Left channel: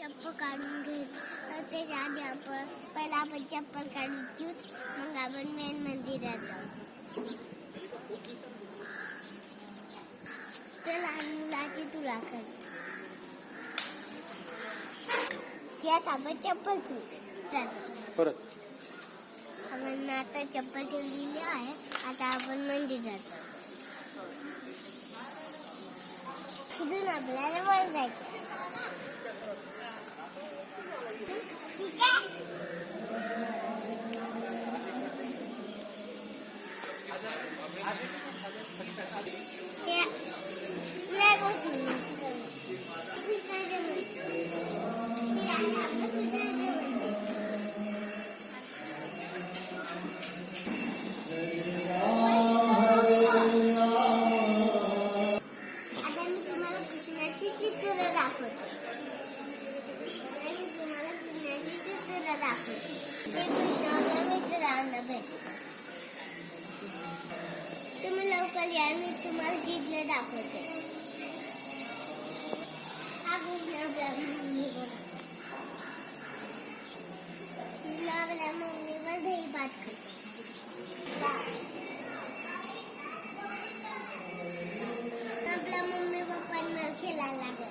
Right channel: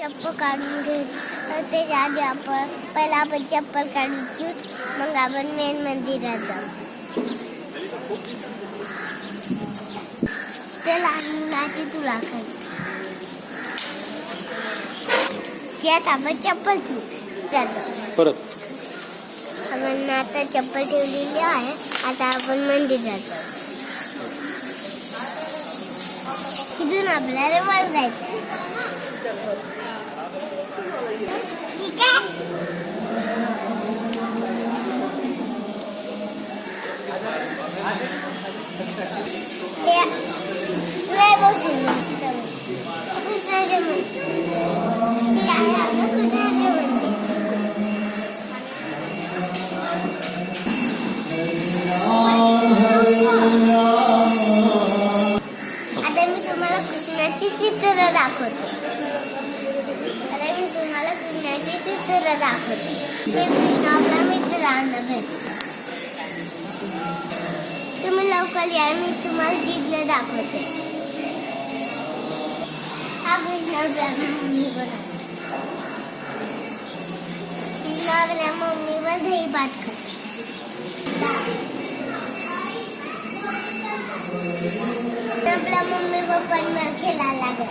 चप्पल काढून घेऊ. त्याच्या आधी आपण चप्पल काढून घेऊ, मग आपण मेन मंदिरात जाऊ. ते लहान मुलाची तुला खाली यात आपण चप्पल ठेवू जातो. परत आपण आता चप्पल ठेवलेली आहे. आता आपण मंदिरात जाऊ. इथून आपल्याला वर जायचं. ठीक आहे. बसून कृष्णाचे मंदिर कृष्णाचे मंदिर. आता मी तुम्हाला कृष्णाची चित्र दाखवते. ते कृष्ण आपला मित्रांना भेटतो. तुम्ही लवकर या, मी तुम्हाला चित्र दाखवते. हा कृष्ण आपल्या मम्मीवर आपल्या मम्मीवर दही भात खातो. आपल्या मम्मी पप्पांवर खेळायला लागला.